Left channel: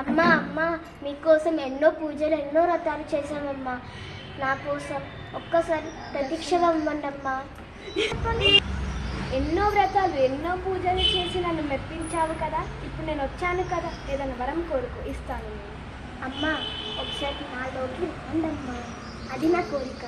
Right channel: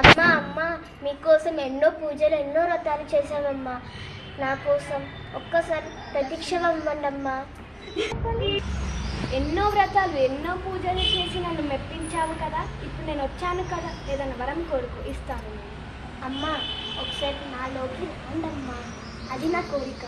అమ్మ అమ్మ మీకోసం ఎన్నో పూజలు ఎన్నో వ్రతాలు చేశామమ్మా. నా కోసం ఒక్కసారి ప్రదీక్షగా ఇవ్వండమ్మా. ఎన్నో వ్రతాలు ఎన్నో పూజలు చేసి నన్ను మెప్పించావు కదా. ఇప్పుడు నేను వచ్చాను కదా, ఏదైనా వరం కోరుకో, ఇస్తాను నేను. అమ్మ ఒకసారి నాలోకి రండమ్మా, అది నా కోరిక.